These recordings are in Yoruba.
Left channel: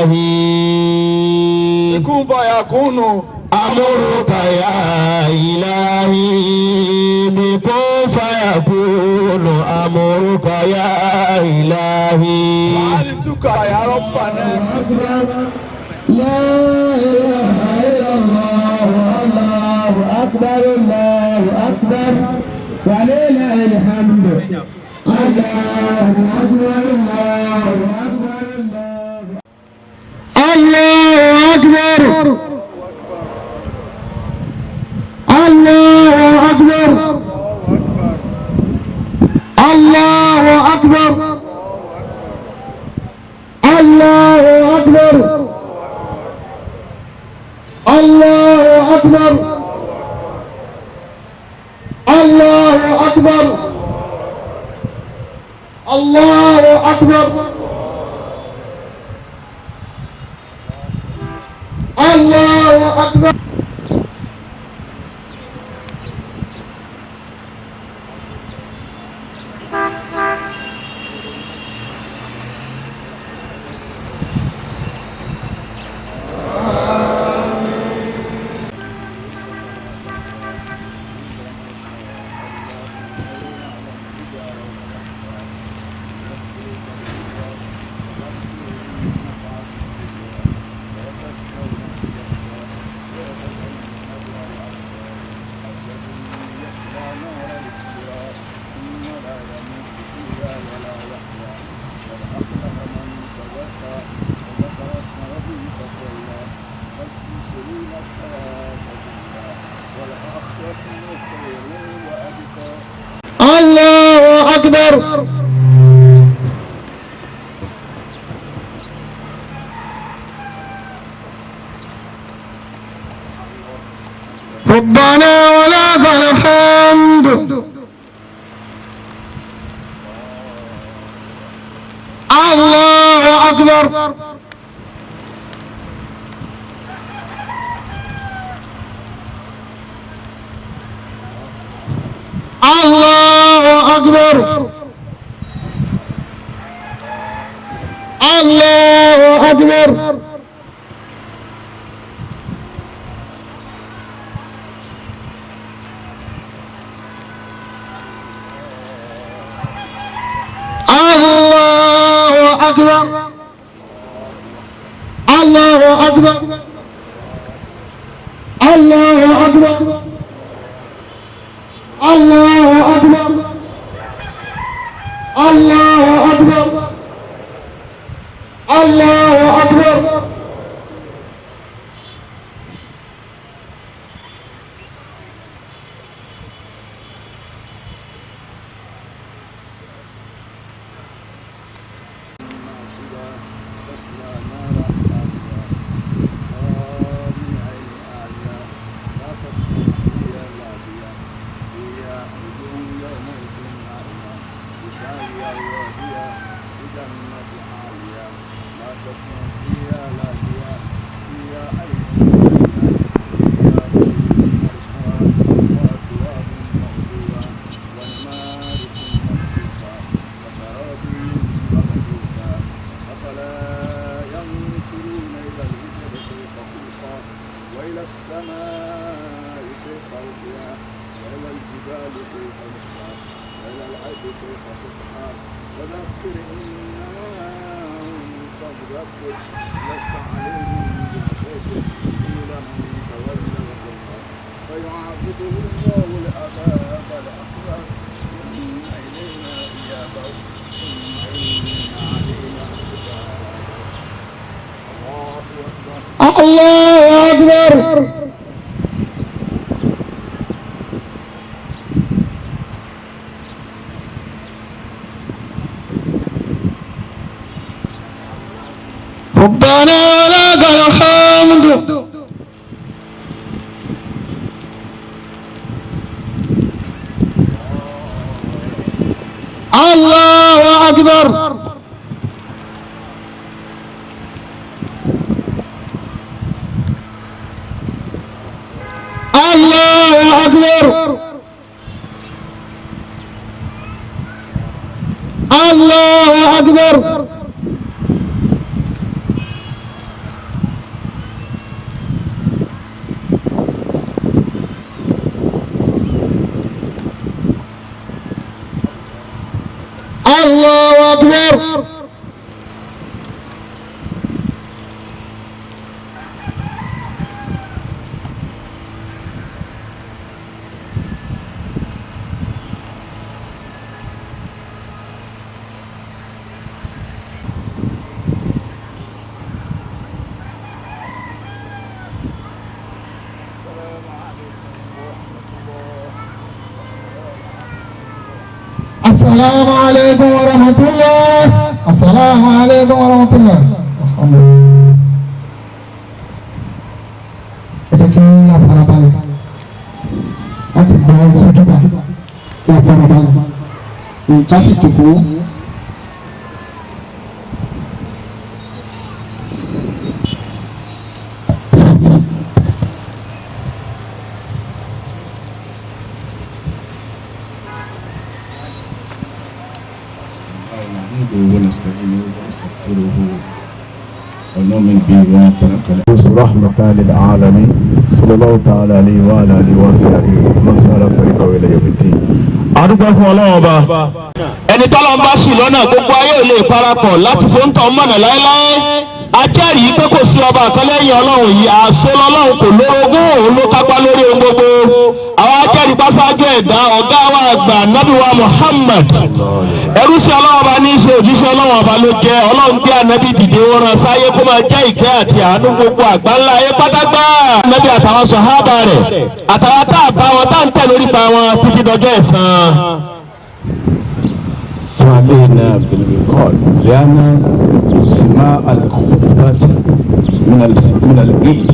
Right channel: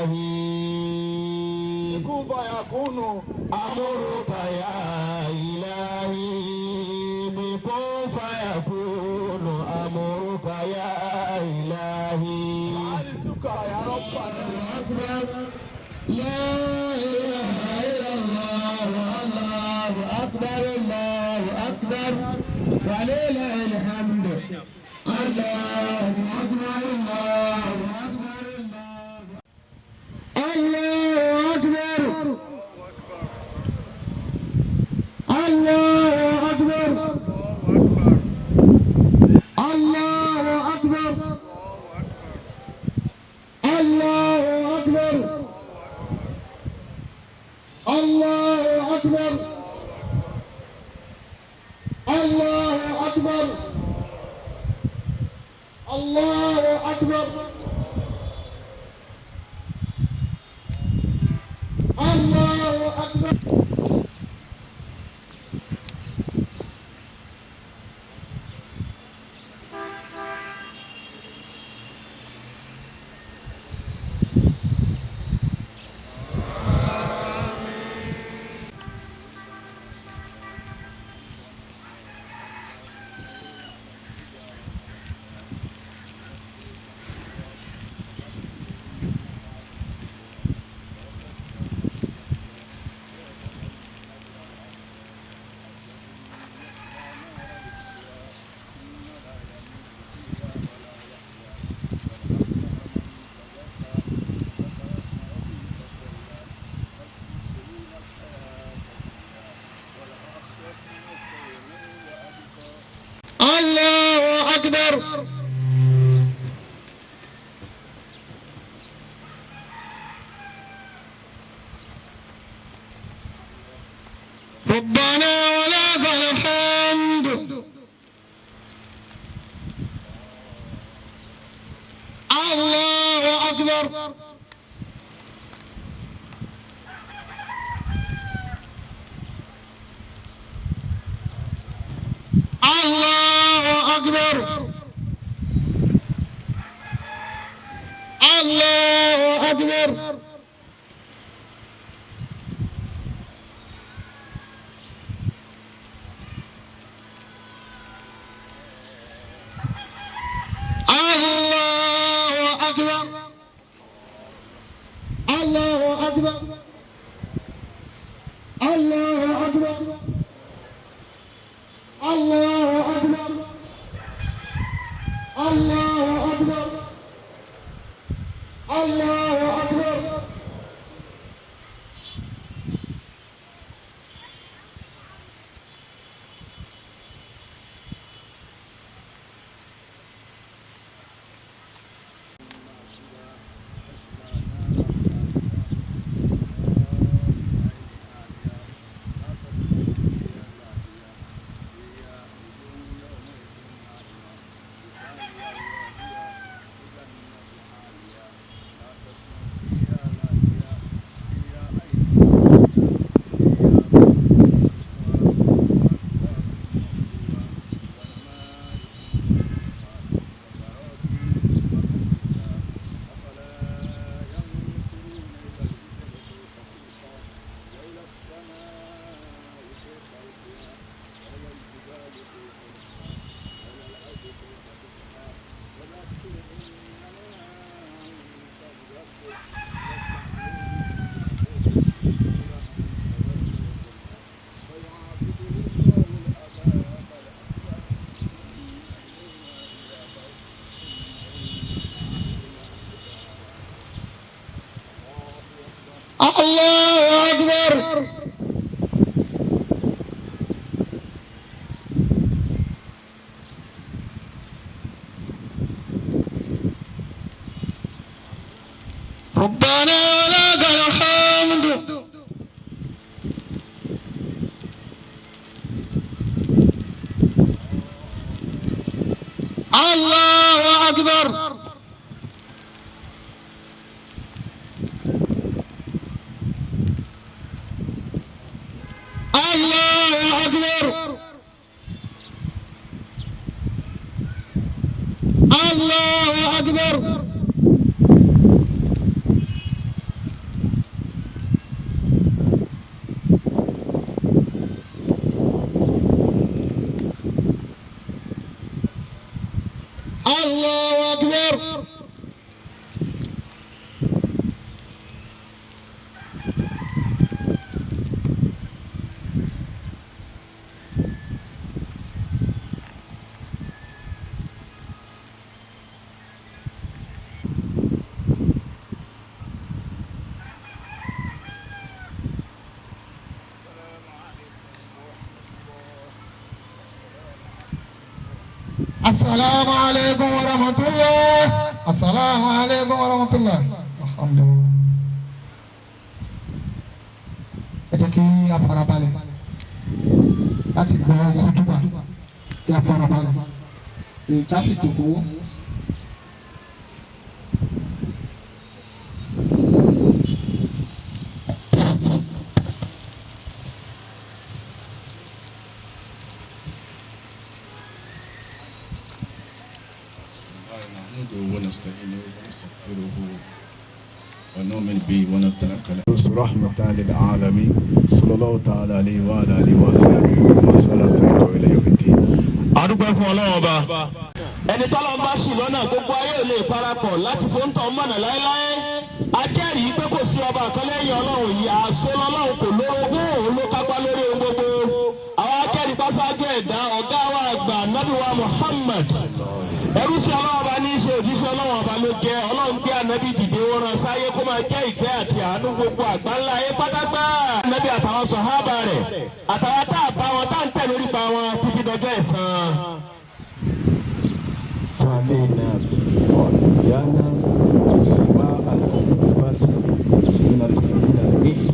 إلهي كن فيكون أمرك يا إلهي بكن فيكون أمرك يا إلهي فعلتك يا ربنا لا إله إلا الله الله أكبر الله أكبر ولله الحمد الله أكبر الله أكبر الله أكبر الله أكبر الله أكبر الله أكبر الله أكبر الله أكبر الله أكبر الله أكبر الله أكبر ربنا ولك الحمد الله أكبر الله أكبر الله أكبر الله أكبر الله أكبر الله أكبر الله أكبر الله أكبر الله أكبر السماء كيف رفعت وإلى الجبال كيف نصبت وإلى الأرض كيف سطحت وذكر إنما أنت مذكر لست عليهم بمسيطر إلا من تولى وكفر فيعذبه الله العذاب الأكبر ثم إلينا إيابهم ثم إن علينا حسابهم. الله أكبر. ربنا لك الحمد. الله أكبر. الله أكبر. الله أكبر. السلام عليكم ورحمة الله. السلام عليكم ورحمة الله. الحمد لله. Ẹ̀jẹ̀kí afarabalẹ̀ láti gbọ́ ìfojúbà kí afarabalẹ̀ nǹkan sì jòkó. ونستعينه ونستغفره ونؤمن به ونتوكل عليه رحمة للعالمين صلى الله تعالى عليه وعلى آله وصحبه ومن سار طريقه إلى يوم الدين. adúgbò fún Ọlọ́run ọba ẹni tọ́lọ́ ń bá sí lọ́nà gbogbo ayé ò lè parapọ̀ láti fóńtọ̀ mọ̀nà láéláé ajẹ́rìí pé kò sí ọba kan lẹ́yìn Ọlọ́run yìí àṣọ lọ́lọ́run kò lórogún òun ló kápá lórí ohun gbogbo àwọn ajẹ́rìí pásáájú ẹ̀dá ọ̀gá wa àgbà nábì wa Muhammad ẹrú sí Ọlọ́run ọba ní í ṣe òjíṣẹ́ Ọlọ́run ọba ló jẹ́ Ọlọ́run gbé ànábì dìde wọn rán sáyé kó máa jẹ́ ìkẹ́ àti àánú gbogbo àgbáńlá ayé pátágbá ànábì àtàwọn sàhábà rẹ̀ àtàwọn tá a bá wọn tá à ń tẹ̀ lórí pa wọn títí dọjọ́ ẹ̀san. فعلينا بالوقار لأن سماع الخطبات من العيد.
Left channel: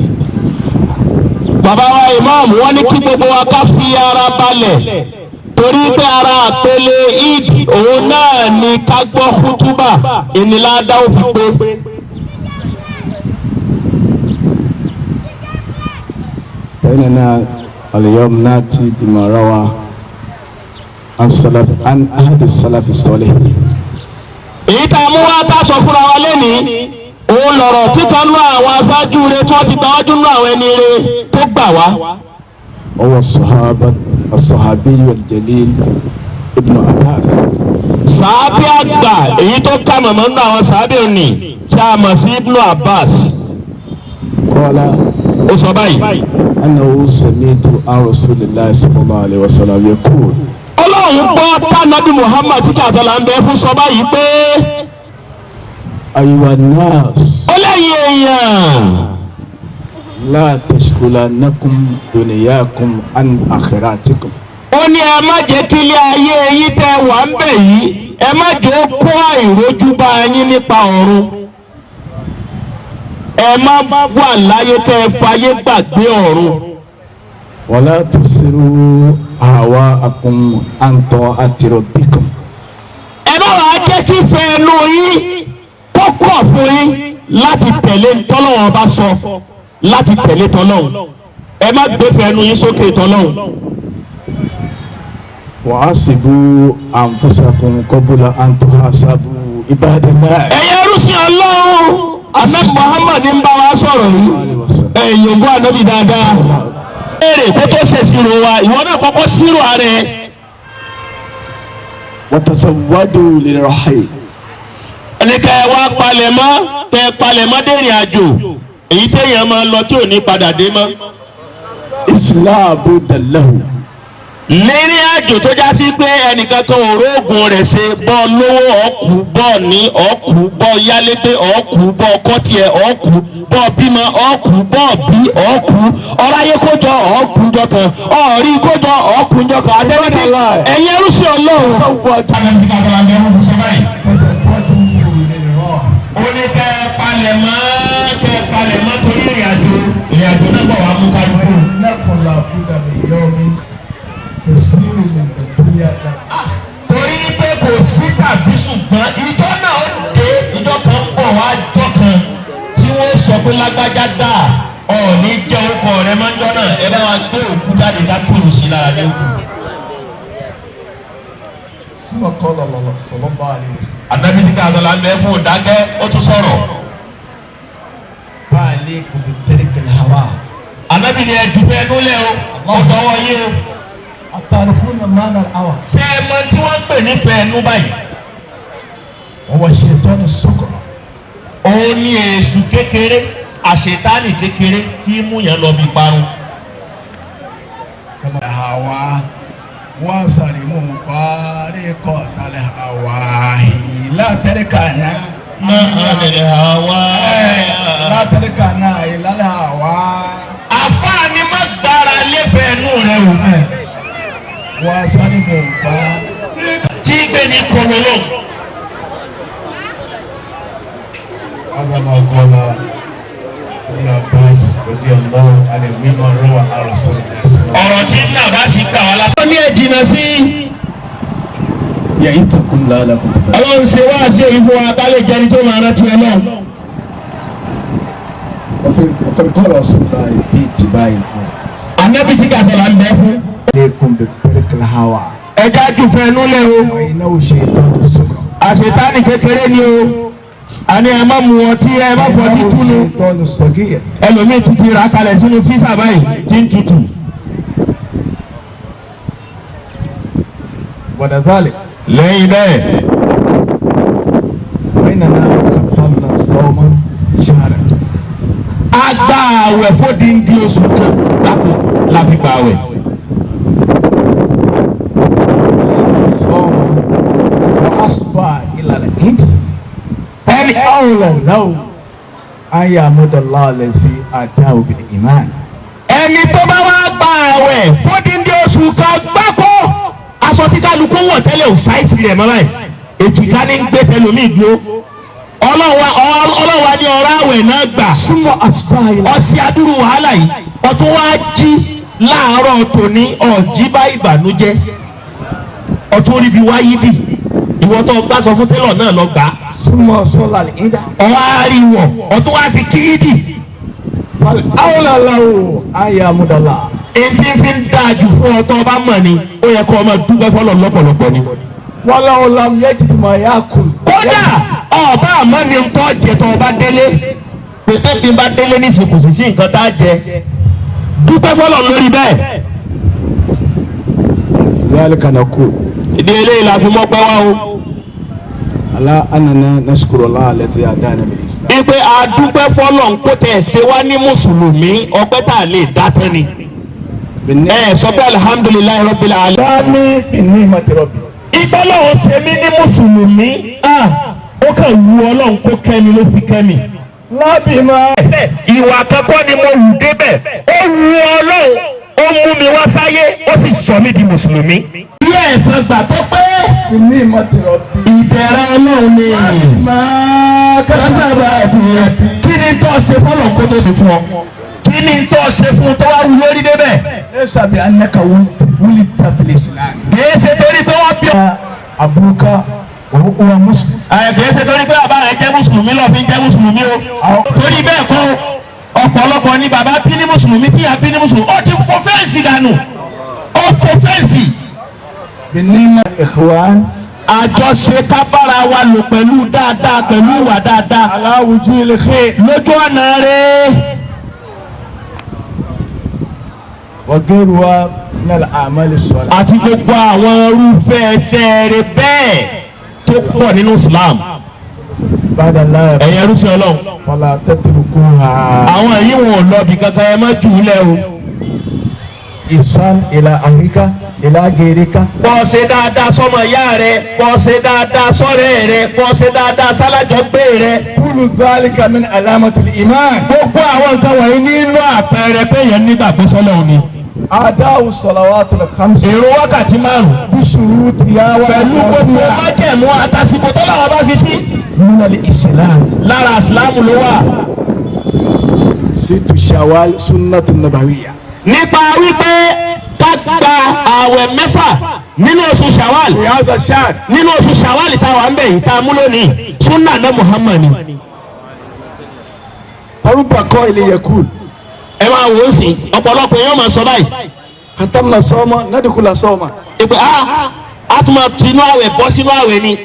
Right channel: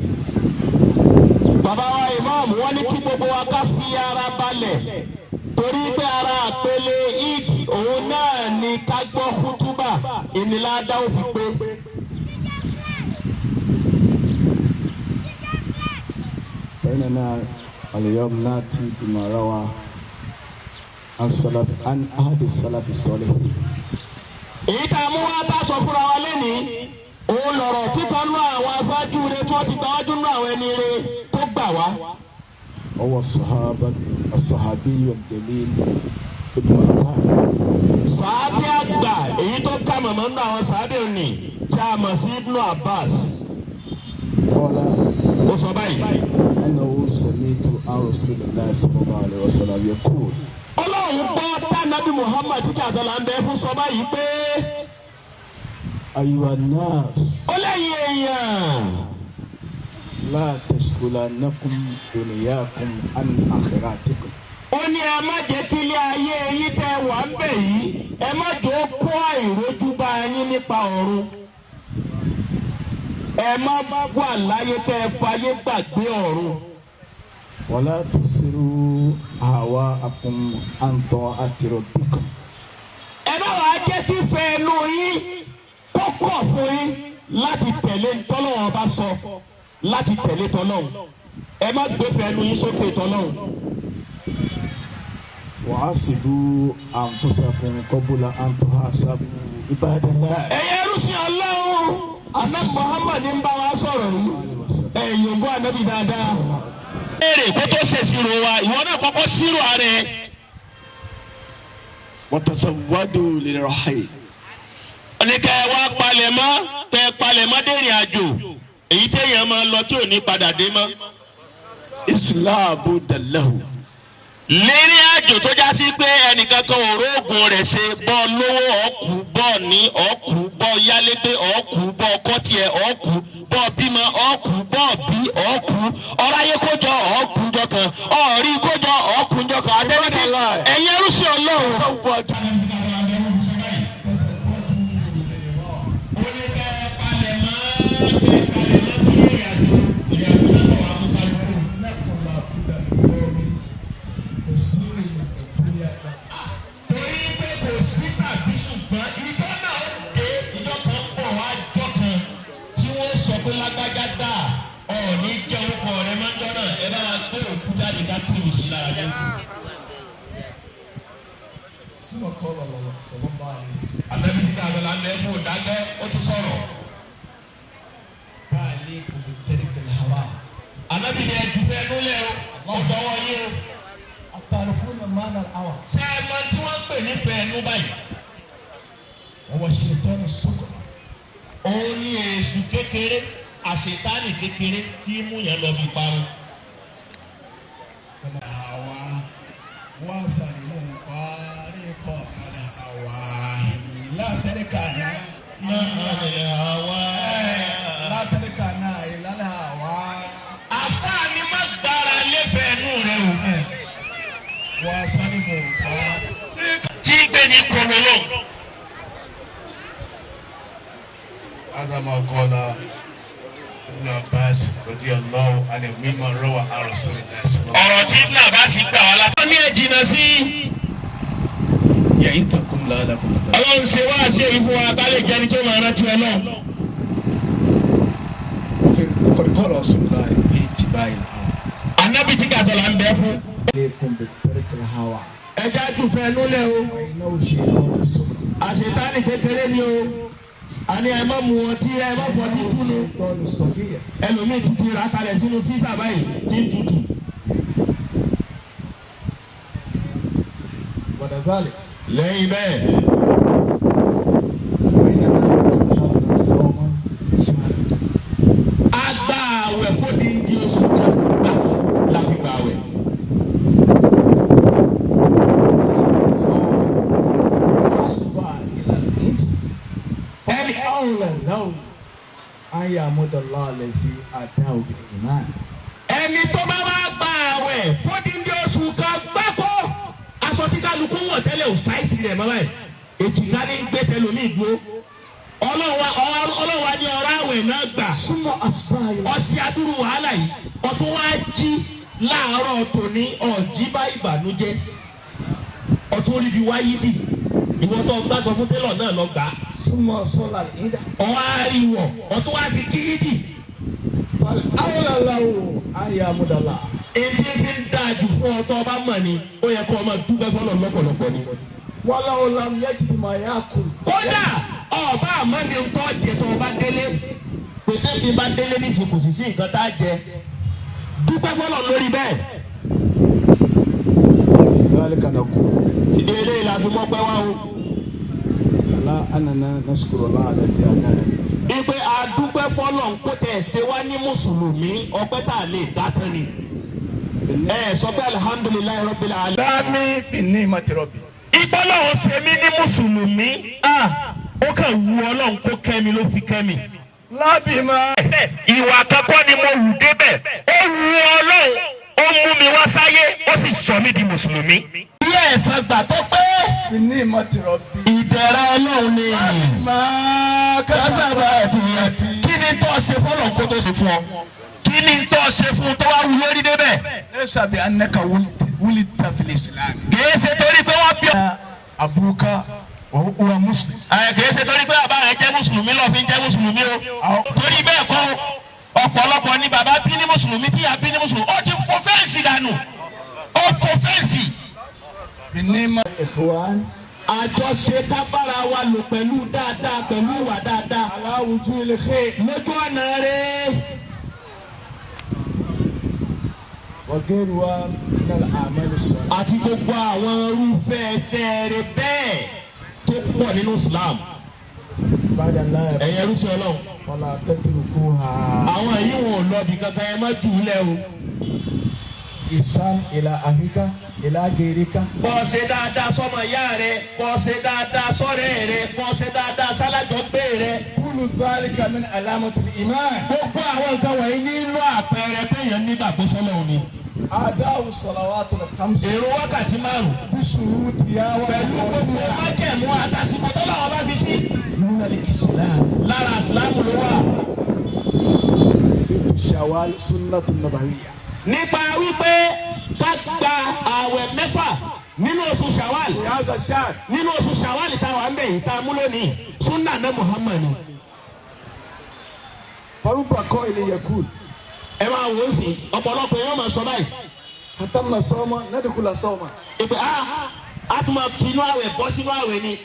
bàbá wa imam wọ́n ní kí gbogbo wa ká fi ara balẹ̀ torí pé ara àpẹẹlẹ Eid òun náà ni ká gbọ́ kútúbà ìnìládá òfin pé. فإننا اليوم نأتي بما روى عن أحد السلف الصالح. èyí tá a mú wá tá a sọ fúnra wa lẹ́nìí òun lọ̀rọ̀ tí kan nú àwọn aṣáájú rẹ̀ tí wọ́n ti tọ́jú nú àwọn ẹni rẹ̀ tó gbà wá. هو الصحابي الجليل ابن عباس. sàábì àgbà èyí tó ká màmá nínú àwọn sàábì òní tí a mọ̀ sí Ibn Abbas. قال ó sọ báyìí. أنه سمعت عن رسول الله صلى الله عليه وسلم يقول. Ọlọ́run gbọ́ tánàbí Muhammad tí kàtàlà ń bẹ fún sọ báyìí pé. أيها الناس. ó lẹ́yìn èèyàn. لا تشغلنكم دنياكم عن آخرتكم. ó ní ẹ má jẹ́ kí ilé ayé yín tẹ́ wà ń bẹ̀ yìí ẹ má jẹ́ ó kó àìrójú bá yín nípa ọ̀run. ẹ má wà láyé tẹ́ ẹ fayé gbàgbé ọ̀run. ولا تبصروا أهواءكم عن طاعة ربكم. ẹ má wàá jẹ́ kí fẹ́ẹ́nu yín kó kọ̀ fún yín láti tẹ̀lé tọ́lọ́wọ́n bá sọ láti tẹ̀lé tọ́lọ́hun ẹ má gbé fẹ́ẹ́nu yín sókè tọ́lọ́hun. وحاسبوا أنفسكم قبل أن تحاسبوا عباد الله. ẹ̀yẹ rúṣin Ọlọ́run Ànábì Muhammad ń bá wa sọ̀rọ̀ yìí ẹ̀yìn ògbó ànábì dáadáa. èrè kó tó ṣèṣirò wa ìwọ náà kọ́kọ́ ṣírò ààrẹ. وتزودوا للرحيل. ẹni ká ẹ wá palẹ̀mọ́ kẹ́ ẹ palẹ̀mọ́ dèrìn àjò èyí téèyàn máa lọ tí ò ní padà dé mọ́. إصلاح بد له. lérí àjò tó já sí pé ẹnìkan kan ò róògùn rẹ̀ ṣe bọ́ lówó ọ̀kú bọ́ ní ọ̀kú bọ́ yálégbé ọ̀kú bọ́ kọ́tìẹ̀ ọ̀kú bọ́ bímọ ọ̀kú bọ́ bí ọ̀kú ọ̀ráyé kójọ ọ̀kú jọ kan ọ̀rí kójọ ọ̀kú jọ kan adẹ́rẹ́dẹ́ ẹ̀yẹ rúṣì Ọlọ́run. ó ní kẹ́ ẹ palẹ̀mọ́ torí ìrìn àjò náà bọ̀ wá mú kálukú. torí pé kò sí tàbí ṣùgbọ́n ìjọ náà ó dé ìjọ kan ń bọ̀ wá jọ kan tí wọ́n sọ pé lágbájá dà ọ̀ọ́ni jẹ́ orúkọ rẹ̀ máa ń jọ náà ẹ bá wa gbé òkú jáde dákìrù sí lára ní òkú. Ànábì ní ká lọ́la ń bẹ fún òdákẹ́ ó tún sọ̀rọ̀. Ànábì ní ẹ̀dùn fẹ́ nulẹ̀ o ọ̀dọ̀ wọ̀ yé o. الطرفون معنى الأول. ṣé ẹ mọ̀ tí wọ́n ń pè ní fẹ́ẹ́nú báyìí? وهو الشيطان الصغر. òun ni èṣù kékeré àṣetánì kékeré tí mú yẹn lọ bí parun. الهوى وصرموا طريقة الهوى لا تركنا لا تركنا إلى الهوى. àfààní má gbára lẹ́fẹ̀ẹ́ nù rẹ o. وصرموا طريقة. tí gbé ní kọlọlọ. هذا ما قال ابن عباس رضي الله عنه مما روى عن رسول الله صلى الله عليه وسلم. ọ̀rọ̀ tí nàbà sì gbà wá látọ̀ ní ẹ̀jìnà sí. يعظكم لعلكم تتقون. ọlọ́run ṣe wá sí èyí fún wa ká lè jẹ́ni tó máa rántí ẹ náà. وقد قال رسول الله في اتباع الهوى. ànábì tí kàtọ́ là ń bẹ́ fún. عليكم بطريق الهوى ẹja jù fẹ́ nú lẹ́ o. وإنه شيطان الصغر. àṣetánì kékeré ni o. àní ẹ má mu ọtí ẹ má fọ títúnu. شيطان الصغير. ẹlòmíì tuntun ra kalẹ̀ sínú físà báyìí tí ń tutù. ولذلك lẹ́yìn bẹ́ẹ̀ فإننا ختمنا صوما شهرا. a gba àwẹ̀ fódìndí oṣù kan gbáko la fi gba àwẹ̀. الذي صام وأصبح إلى العيد ẹni أولى له أن يعبد الله الذي أتاه بالإيمان. ẹni tó bá wá gba àwẹ̀ fódìndí oṣù kan gbáko aṣọ tí kálukú wọ̀ tẹ́lẹ̀ ò sáìsì rẹ̀ mọ́ báyìí èjìká ní gbé tẹlómìn dúró ọlọ́wà ní ọ̀rọ̀ àwẹ̀ náà gbà ثم أصبح إلى ọsẹ adúrú wàhálà yìí ọtún wá jí láàárọ̀ tòní ọ̀jí bá ìbànújẹ́ ọtún ríbi wáyé dì ìwọ tó gbà sọ fún télọ̀ náà lọ gbà á. ثم صلى العيد ọwọ́ àríwọ̀ ọtún wá fi kíídì. فالأولى له أن يعبد الله. etí fi ń dáa jù fún ọ tó o bá mọ̀ ni ó yẹ kó o máa dúpẹ́ fọlọ́ lọ́pọ̀lọpọ̀ ni. ولو لم يجد ما يأكل. kódà ọba àmọ́ ni ń tọ́ jẹ tó o bá délé pété bí n bá délé ní ìsìnkú sí nǹkan tá a jẹ dúpẹ́ fọlọ́ lórí bẹ́ẹ̀. ذلك نقول ìdí eléyìí la fi mọ́ pẹ́ wá o. على أننا نشكر الله الذي هدانا بالإسلام. ipe adúpẹ́ fọlọ́ ń kó tẹ̀ ṣe wá ní mùsùlùmí ọpẹ́ tá a lè dá tán ni. sọ pé alihamudulilayi rabbil alamin. dáàmì بنعمة ربي. ìbálòwò ṣe mí ní mùsùlùmí ó kàn wù ọlọ́run kó kẹ́mi ló fi kẹ́mi. lábìmọ̀. ìwà àkọ́kọ́ ni mo wù débẹ̀ ó wù ọlọ́run ó mú mi wá sáyé ó sì sọ mí di mùsùlùmí. ilé ẹ̀sán gbà tó pé بنعمة ربي. ìbẹ̀rẹ̀ ọlọ́run ni máa kásábà ti kí ni tó ṣe fọlọ́ kó tó ṣe fún ọ kí ni tó ṣe fún tó wá wù lórí débẹ̀. ليس بأنك ولدت في الإسلام. kìí ṣe torí pé wọ́n bí ọ. أبوك وهو مسلم. kìí ṣe torí pé bàbá rẹ jẹ́ mùsùlùmí lọ́ọ́ fi jẹ́ mùsùlùmí o. torí bẹ́ẹ̀ kọ́ ọ̀pọ̀lọpọ̀ ni bàbá bí ní mùsùlùmí tí ìyá bí ní mùsùlùmí ó ti fọ́ fẹ́ǹsì dànù ó fọ́ fẹ́ǹsì. بنعمة إخوان. àjọṣe ká bára wa lò pẹ̀lú dáadáa pẹ̀lú ìwà dáadáa. على وجوه الخير. lójú ọ̀nà rẹ̀. وغيرها من الأعمال الصالحة. àti gbogbo àwọn irúfẹ́ ẹsẹ̀ rẹ̀ bẹ́ẹ̀ tó pọ̀ nínú Islam. بعد الله ẹ̀yin ẹrúsìn Ọlọ́run. فلا تتركوها. àwọn èyí wọn ò lọ bí kankan ẹ má jù ú lẹ̀ o. إحسان إلى أهلك إلى غيرك. kó ṣe dáadáa sọ́mọ ìyá rẹ kó ṣe dáadáa sọ́rẹ́ rẹ kó ṣe dáadáa sálájọgbé rẹ. كل ذلك من علامة الإيمان. gbogbo àwọn nǹkan wọ̀nyí nínú àpẹẹrẹ pé èèyàn nígbàgbọ́ sọ́lọ́run ni. أداء الصلوات الخمس èrò wákàtí márùn-ún. بشروطها pẹ̀lú gbogbo وأركانها májẹ̀mú àtàsìkò tó làwọn bá fi sí. من الإسلام. lára ìsìlámù ló wà. 6 شوال سنة النبوية. nípa wípé ká gba ààwẹ̀ mẹ́fà nínú oṣù Shawwal في هذا الشهر nínú oṣù Shawwal tá a wà ń bẹ̀ yìí tá a mú lónìí sunna náà Muhammad ni. فرب قائل يقول ẹ máa wò ó sí ọ̀pọ̀lọpọ̀ yóò máa sọ báyìí. ختمنا صوما ندخل صوما. ìpè a tún máa tinú àwẹ̀ bọ́ sínú àwẹ̀ ni.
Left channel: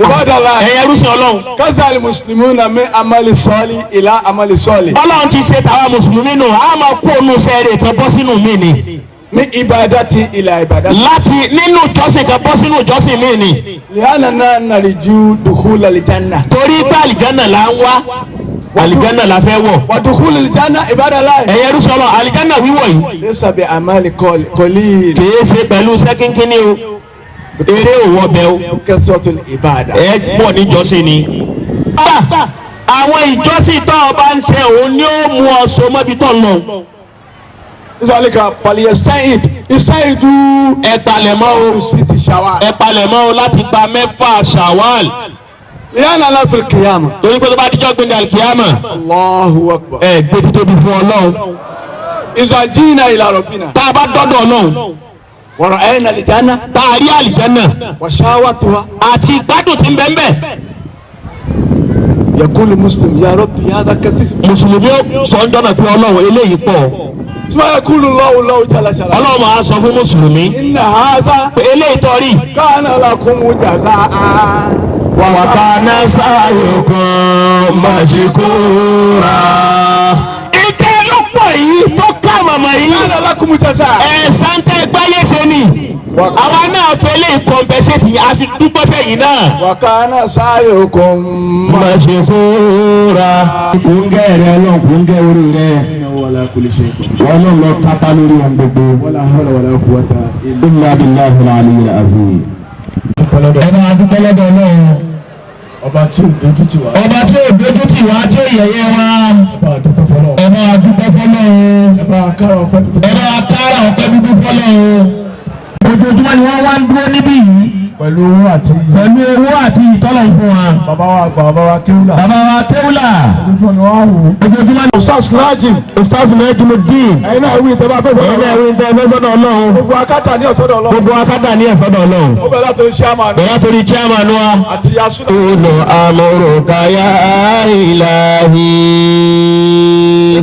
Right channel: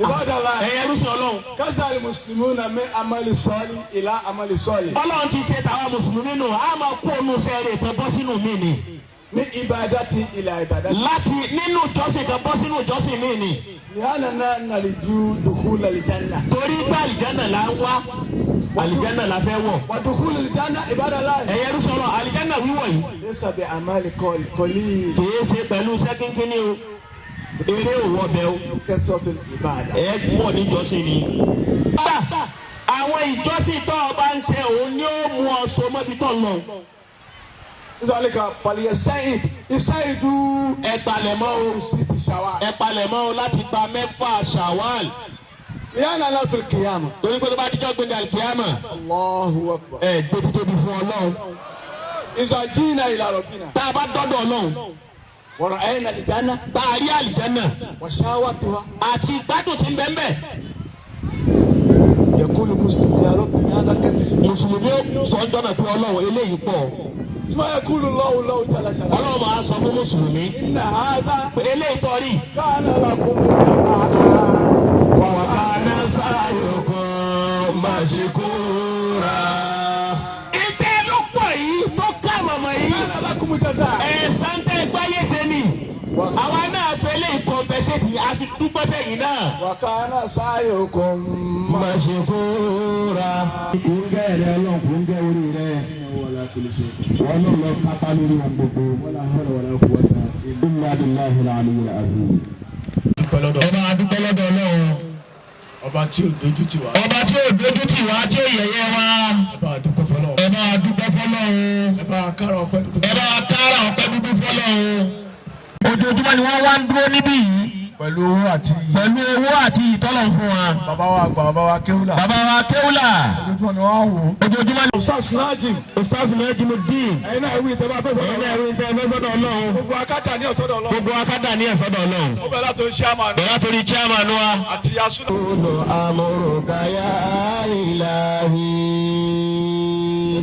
عباد الله ẹ̀yẹ rúṣin Ọlọ́run. كذا المسلمون من عمل صالح إلى عمل صالح. Ọlọ́run ti ṣe tàwa mùsùlùmí nù a máa kó onú sẹ́ẹ̀rẹ̀ kan bọ́ sínú mi ni. min ibadati ila ibadati. láti nínú ìjọsìn kan bọ́ sínú ìjọsìn míì ni. li'annana narju dukhul al-janna. torí pé àlìjánà là ń wá àlìjánà la fẹ́ wọ̀. wa dukhul al-janna ibadallah. ẹ̀yẹ rúṣọlọ àlìjánà wíwọ̀ yìí. laysa bi amali qalil. kìí ṣe pẹ̀lú sẹ́kínkínní o eré òwò bẹ o. kasratul ibada. ẹ pọ̀ níjọsìn ni. àwọn ìjọsìn tó o bá ń ṣe òun ni ó mú ọ so mọ́bi tó ń lọ. isalika paliyesta'id istaidu. ẹ palẹ̀mọ́ o siti shawal. ẹ palẹ̀mọ́ o láti gba mẹ́fà Shawwal. li'annana fil qiyamah. torí pé tó bá dijọ́ gbẹ̀dẹ̀ alikiyama. Allahu akbar. ẹ gbé títóbi fún Ọlọ́run. iza jina ila rabbina. tá a bá dọ́dọ̀ Ọlọ́run. wa ra'ayna al-janna. tá a rí àlìjánà. wa shawatuha. àti ìgbádùn tí ń bẹ ń bẹ. yaqulu muslim ya rabbi hadha kathir. mùsùlùmí ó sọ ń dọ́nà pé Ọlọ́run eléyìí pọ̀. suma yaqulu Allahu jalla sha'nuhu. Ọlọ́run máa sọ fún mùsùlùmí. inna hadha pé eléyìí tọ́rí. kana lakum jazaa. wa kana sa'yukum mashkura. ìtẹ́ ló pọ̀ yìí tó ká màmá yìí. kana lakum jazaa. ẹ̀sán tẹ́ gbáyé ṣe ni. àwa náà fẹ́ lè kọ̀m̀pẹ́sẹ̀tì yìí a fi dúpọ́ fẹ́ yìí náà. wa kana sa'yukum mashkura. kúngẹ́ rẹ Ọlọ́run kúngẹ́ orí rẹ. wala kulli shay'in. wọ́n ló lọ kápá lórí ohun gbogbo. wala hawla wala quwwata illa billahi al-aliyyil azim. ọba adúpẹ́ lọ́dọ̀ Ọlọ́run. ọba tí ò dojú tì wá. ọba tí ò dojú tì wá tí ò yẹ̀yẹ́ wá. ọba àdúgbò fọlọ́. ọba adúpẹ́ fọ́lọ́run. ọba kára ọpẹ́ dúdú. ọba kára ọpẹ́ dúdú fọ́lọ́run. ojoojúmọ́ ni wọ́n wá ń dúró níbí yìí. pẹ̀lú owó àti iyì. pẹ̀lú owó àti ìtọ́lọ̀ fún wa. bàbá wa àgbà bàbá wa kéwùlà. bàbá wa kéwùlà. ojoojúmọ́ ni wọ́n á wò. ojoojúmọ́ ni. Ustaz Najim Ustaz Najimuddin. ẹ̀yin náà wí ìtẹ́ bá fẹ́ ẹ̀yin náà wí tẹ́ fẹ́ sọ́dọ̀ Ọlọ́run. gbogbo akátá ní ọ̀sọ́dọ̀ Ọlọ́run. gbogbo akádà ní ẹ̀fọ́dọ̀ Ọlọ́run. ó bẹ̀rẹ̀ láti chairman bẹ̀rẹ̀ torí chairman wa. àti asúnà. Kúlù amúrúkà yá ìlàhí.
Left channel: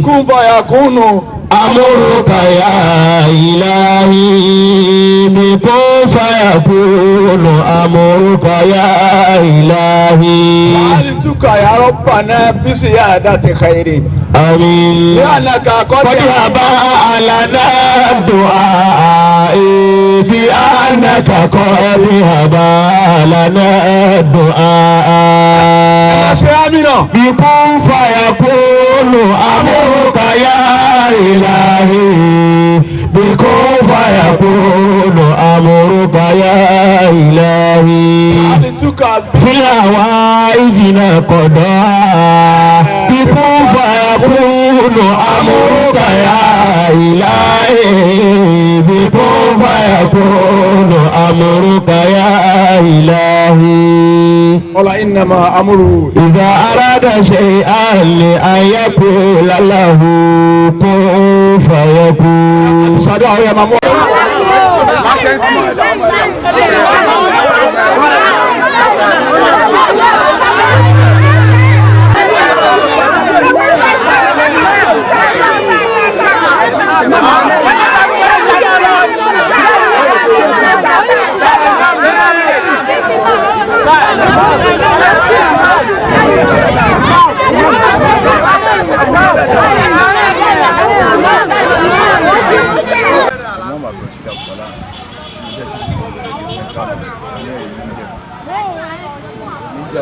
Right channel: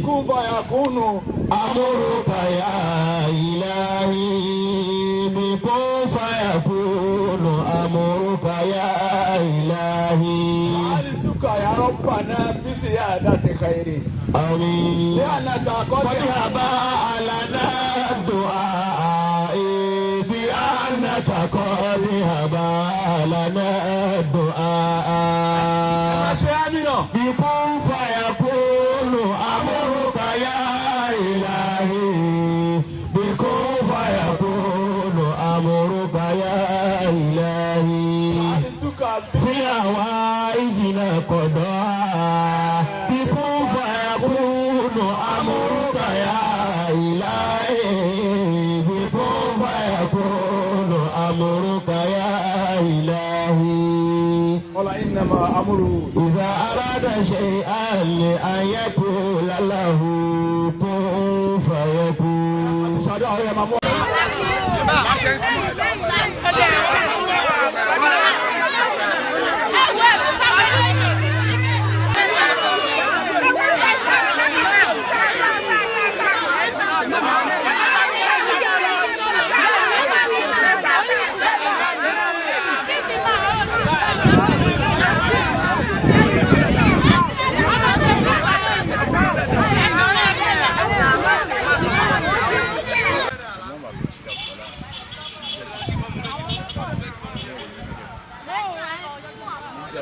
kún fàyà kúnnù. amúrúkà yá ìlàhí. bíkún fayakúnù amúrúkà yá ìlàhí. wàhálì túkà ya rabbana bísí yá àdá ti khairin. àmín. لأنك قد قد أبى لنا الدعاء بأنك قد أبى لنا الدعاء بكن فيكون أمرك يا إلهي بكن فيكون أمرك يا إلهي في هوائجنا قضاء بكن فيكون أمرك يا إلهي بكن فيكون أمرك يا إلهي قال إنما أمره إذا أراد شيئا لأن يقول له كن فيكون.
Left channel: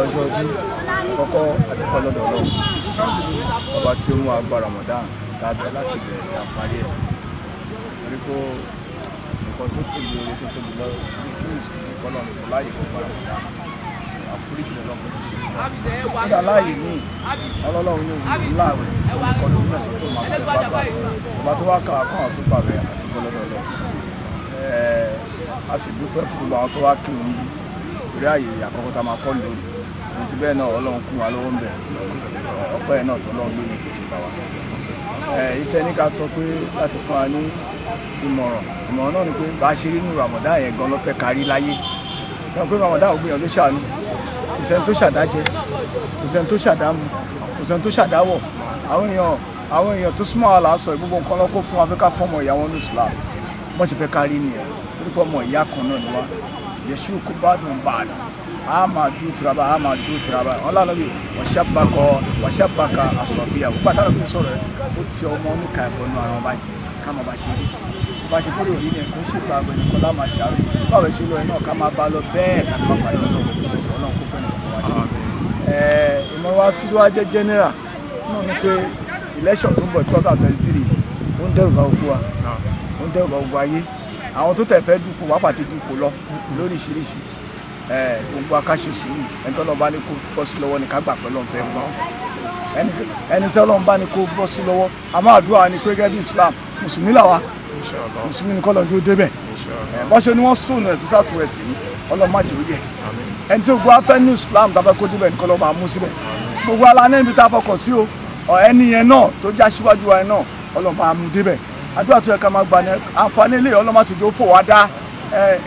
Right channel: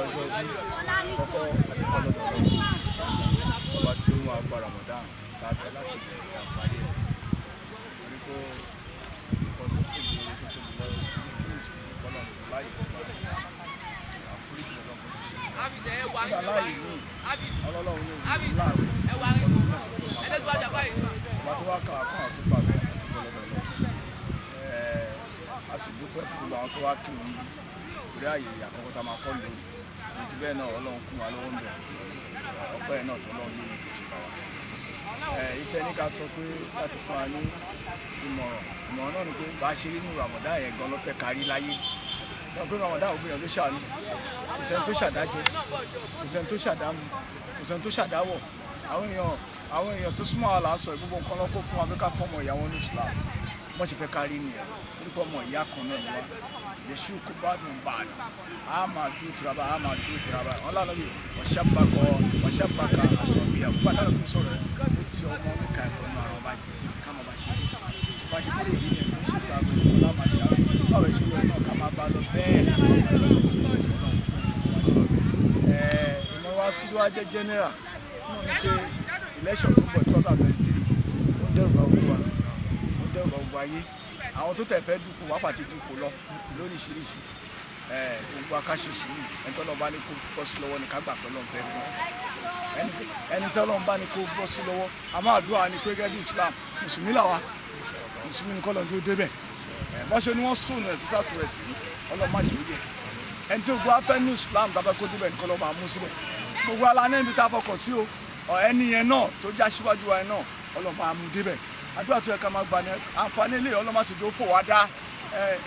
ọjọ́ ọdún kọ́kọ́ àdúpẹ́ lọ́dọ̀ Ọlọ́run ọba tí ó mú agbá Ramadan tàbí láti bẹ̀rẹ̀ ìjà parí ẹ̀ torí pé nǹkan tó tóbi oore tó tóbi lọ ní kí mùsùlùmí kọ́ lọ́nà fún láàyè kó gba Ramadan àforíjì lọ́nà fún ti ṣe nígbà láàyè míì ọlọ́run ní òun ńlá rẹ̀ olùkọ́ lórí mẹ́sàn-án tó máa bẹ̀rẹ̀ pápá ọba tó wá kà á kọ́ àwọn tó pàbẹ̀ àdúpẹ́ lọ́dọ̀ Ọlọ́run a sì dúpẹ́ fún gbogbo àwọn tó wá kí òun bí torí àyè àkọ́kọ́ tá a máa kọ́ lónìí ohun ti bẹ́ẹ̀ náà Ọlọ́run kún wa lọ́wọ́ ń bẹ̀ ọpẹ́ ẹ̀ náà tó lọ́run lónìí kò ṣe bá wa. ìtẹ́ ní ká sọ pé láti fún wa ní ìmọ̀ràn náà ni pé bá a ṣe rí nínú Ramadan yẹn gan ló fẹ́ kárí láyé náà pé Ramadan ò gbìyànjú ṣàánú kò sẹ́ni tó ṣàdájẹ́ kò sẹ́ni tó ṣàdámu kò sẹ́ni tó ṣàdáwọ̀ àwọn èèyàn tó súnmọ́ wa là ń sọ gbogbo nǹkan lọ́kọ́ fún wa fẹ́ ká fọ́mọ ìyá wọn ní Islam wọ́n ṣe fẹ́ kárí nìyẹn torí pé ọmọ ìyá kan náà ni wá yẹsù kó bá dùn bá a dùn a máa dúró tiraba a máa dúró tiraba wọn lànà bí wàṣàbàkà àsọ̀bíyà gbogbo àtàlọ́ bí sọ̀rọ̀ ẹ̀ ó ti ọmọ oníkà ẹ̀kọ́ nù ara wọn báyìí ká máa bá ṣe rí bá ṣe kúrò rí ni ẹ̀kọ́ ń ṣètò àgbẹ̀ nìkan láàmà ṣàrò báwo ṣe lọ ẹ̀ náà ká máa bá lọ bẹ́ẹ̀ ká máa parí ọlọ́run kó fẹ́ nìkan wá ṣe. ìmọ̀ wa sí wá jẹ́ general náà ni pé election tó ń bọ̀ 2023 ó ń dẹ́rù bá gbogbo wa ó ń dẹ́rù bá gbogbo ayé àwọn tó tẹ̀ fẹ́ dupò wá pàtẹ́ dupò lọ lóríṣiríṣi gbogbo akáṣe sùúrù ẹni tó lọ bá ní kó bọ́ sí lọ́wọ́ ni ká gbà pẹ́lú ọ̀fẹ́ fún ẹni tó lọ bá ní kó bọ́ sí lọ́wọ́ àmọ́ àdúrà ni pé gẹ́gẹ́ bí Islam mùsùlùmí làwa mùsùlùmí ni kọ́lọ́n tó débẹ̀ bọ́ṣe ni wọ́n sùn ẹ̀ sí sàkúrẹ́sì ọlọ́mọdé ó yẹ ẹni tó gbọ́ afẹ́ ní Islam tàbí kó débẹ̀ ní kọ́lọ́ máa mú síbẹ̀ gbogbo alánẹ́ ibi tá a fọkàn sí o ẹni yẹn náà tó já síwájú wa yẹn náà ọlọ́ máa mú débẹ̀ àdúrà tó yẹ ká máa gbà ní àǹfààní ilé ọlọ́mọdé ó fò wá dá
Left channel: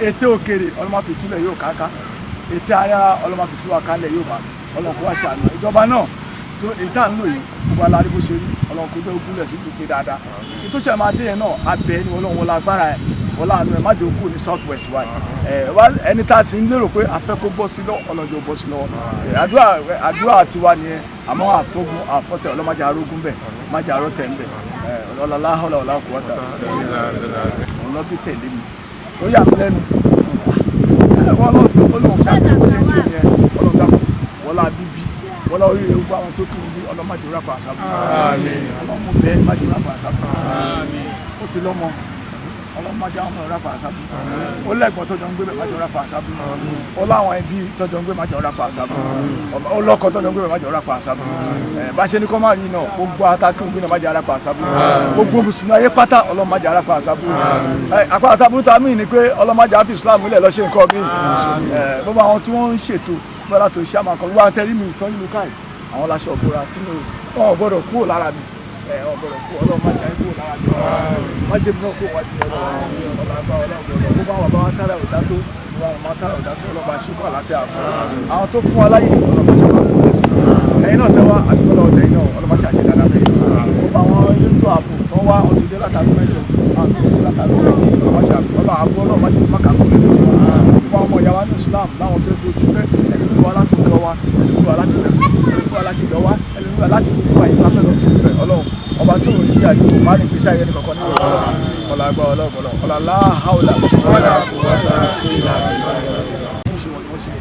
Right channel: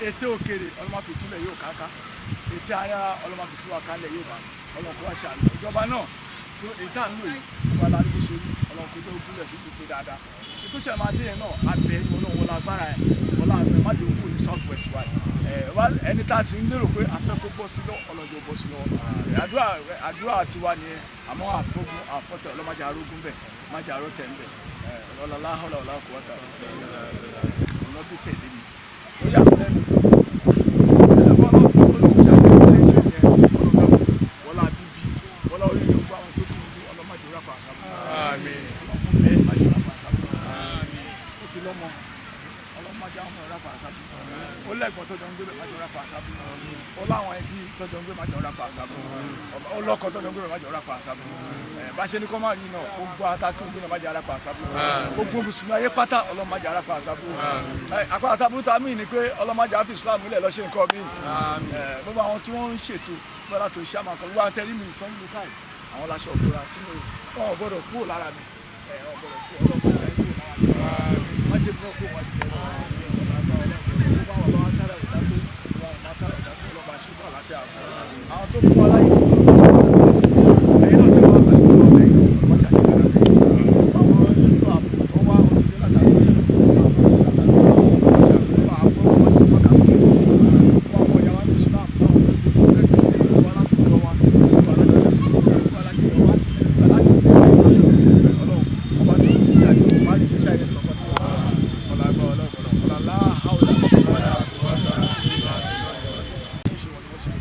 ètè òkèrè ọlọ́mọdé túlẹ̀ yóò káká ètè ara ọlọ́mọdé tú wa kálẹ̀ yóò bá ọlọ́mọdé wá ṣàánú ìjọba náà tó ètà ń lò yìí gbogbo alárí bó ṣe rí ọlọ́mọdé tó gúnlẹ̀ sí gbèté dáadáa ètò ìṣẹ̀ máa dé yẹn náà abẹ́ ni ọlọ́run wọlé agbára ẹ̀ wọlé àánú ẹ̀ má dé okú ní south west wa ẹni tá a sì ń lérò pé afẹ́ kó bọ́ sí lọ ọlọ́jọ́ bọ́ sí lọ́wọ́ àdúrà tiwa nìyẹn àmọ́ àfọ́tẹ̀ ọlọ́mọdé arógún bẹ̀ májà arọ́tẹ̀ ń bẹ̀ ọlọ́lá ọlọ́lá kò wọ́tà ọlọ́bí tẹ̀lé mi ó yà mí lẹ́nu wọ́n náà tún ó lóun ṣàfihàn bó ṣe ń ṣe nìyẹn ọlọ́run dàpọ̀ wọ́lá bíbí wọ́lá oríire gbogbo àwọn tó kù ní ọlọ́mọdé rápá àṣàbù ọlọ́mọ bẹ́ẹ̀ májè rápá àṣàbù ó ti lọ́mọ ọlọ́mọdé àwọn ọmọ rápá àṣàbù ó lẹ́gbọ̀n tọ́jọ́ ń gbé májè rápá àṣàbù ó láwọn ẹbí tọ́jọ́ ń gbé májè rápá àṣàbù ó lọ́kọ tọ́jọ́ ń gbé májè rápá àṣàbù bá ṣe ní kọ́ máa rí náà gbogbo atákùn gbé májè rápá àṣàbù gbogbo mùsùlùmí ayé pátá ọlọ́mọdé rápá àṣàbù àpá àṣàbù tá a mí ni pé ọlọ́mọdé àfi Islam ilẹ̀ lọ́ṣẹ́ nǹkan mi gbogbo àwọn tí wọ́n ń ṣètò bọ́lá tó ṣe àmàkọ́ wíwá tẹ́rí mi ìtọ́ ìlú káì àwọn láṣọ òbúra tí wọn ò gbọ́dọ̀ kúrò lára mi wọn gbọ́dọ̀ kúrò ọlọ́run má jẹ́ kúrò lára mi má jẹ́ mi náà kúrò wájú ọlọ́run gbogbo àwọn bàbá wa tára ọ̀dá tó wọn tára ọ̀dá tó ọlọ́ba ṣùkọ́ àlàáfíà àwọn tó fún wa láyè ọlọ́ba ṣe máa fún wọn ẹ̀yin náà tẹ́wọ́ àdúgbò ọ̀tẹ̀ yìí náà ọlọ́ba ṣe àṣẹ dáadáa fẹ́yìn gbogbo àwọn elétò ààbò tó wá ọtí dé látàrí mẹ́jọ àwọn tó dé látàrí mẹ́jọ ọlọ́ba ṣe àbọ̀ ọlọ́ba ṣe má kà kó lẹ́nu gbogbo àwọn ọmọ ìyá wa ní Islam láwọn tó kó ojú mẹ́ ẹni wíwá láti kọ́ wa ẹni wíwá láti lẹ́fù ẹni wíwá láti lọ́wọ́ ẹni wíwá láti wíwá yìí láfẹ́ lọ́ọ́ tó bẹ̀ ọlọ́run ọba tó rí bí àdúgbò má ní pèsè ayẹyẹ nìkan ní ọlọ́run ọlọ́gbà ọlọ́gbọ̀lọ́ ọlọ́lá haúlà wọ́lá kò wá sá ìlà ṣe wọ́n ṣe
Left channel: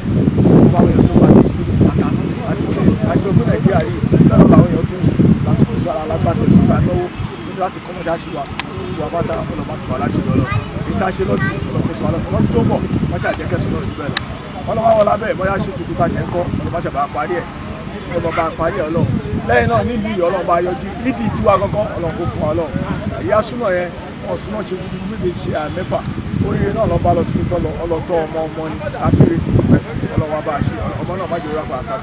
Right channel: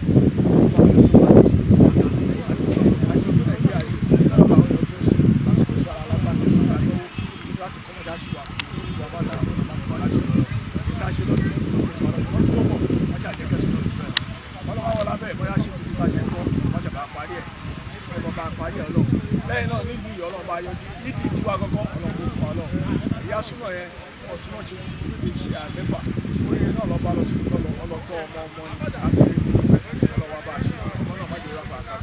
gbogbo àwọn èèyàn tó bá ti sílẹ̀ àtàná àti pé àṣẹ ogun Nàìjíríà yìí lọ́nà làwọn èèyàn tó ń sùn lásìkò sí ara alágbàtẹ̀ sígbà náwó nínú láti kọ́mọ́jà sí wa gbogbo àbáta ọlọ́mọ tó wà láti lọ́lọ́ ìta ṣe lọ́dún ọlọ́mọ tó wà lọ́dún tó ń bọ̀ wọ́n ṣe àjẹkẹ́sì náà jù bẹ́ẹ̀ lọ ọlọ́mọ wọn lábẹ́ bóyá ṣe tuntun bá ṣe ń kọ́ ọlọ́mọ ṣe bá parí ẹ̀ ọlọ́mọ bá parí ẹ̀ ọlọ́run lẹ́yìn náà nílùú yìí ọlọ́run bá yọjú nídìí tiwa gangan ọlọ́run kò fún wa ọlọ́run ìyá súnà yẹn wọ́n súnà ṣe gbígbé ṣe àmẹ́fà oríire náà lọ́ba lọ síbi tọ́lọ ọlọ́tọ́ ọmọ ni àti ìrètí ti pẹ́ ọlọ́wọ́ bá ṣe ọmọ náà má jẹ́ rápá àṣà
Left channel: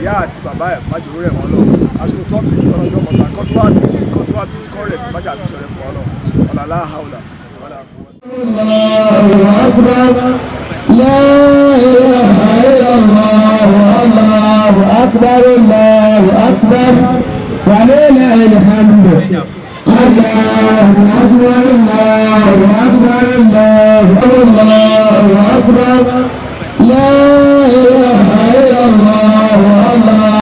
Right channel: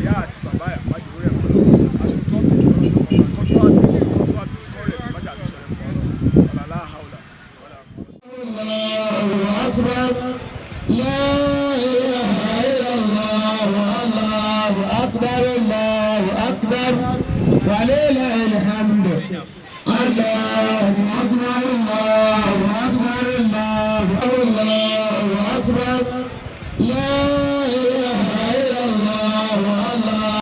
ìyá àti bàbá ẹ̀ má jẹ́ rẹ̀ wọ́n lọ àsìkò tó bí ọlọ́jọ́ mọ̀ta kọ́ tó wá bí sí kọ́ rẹ̀ sí má jẹ́ àbíṣọ́ rẹ̀ fún ọ lọ ọ̀làlá haúlà wàlá kú. لا إله إلا الله الله أكبر الله أكبر ولله الحمد الله أكبر الله أكبر الله أكبر لا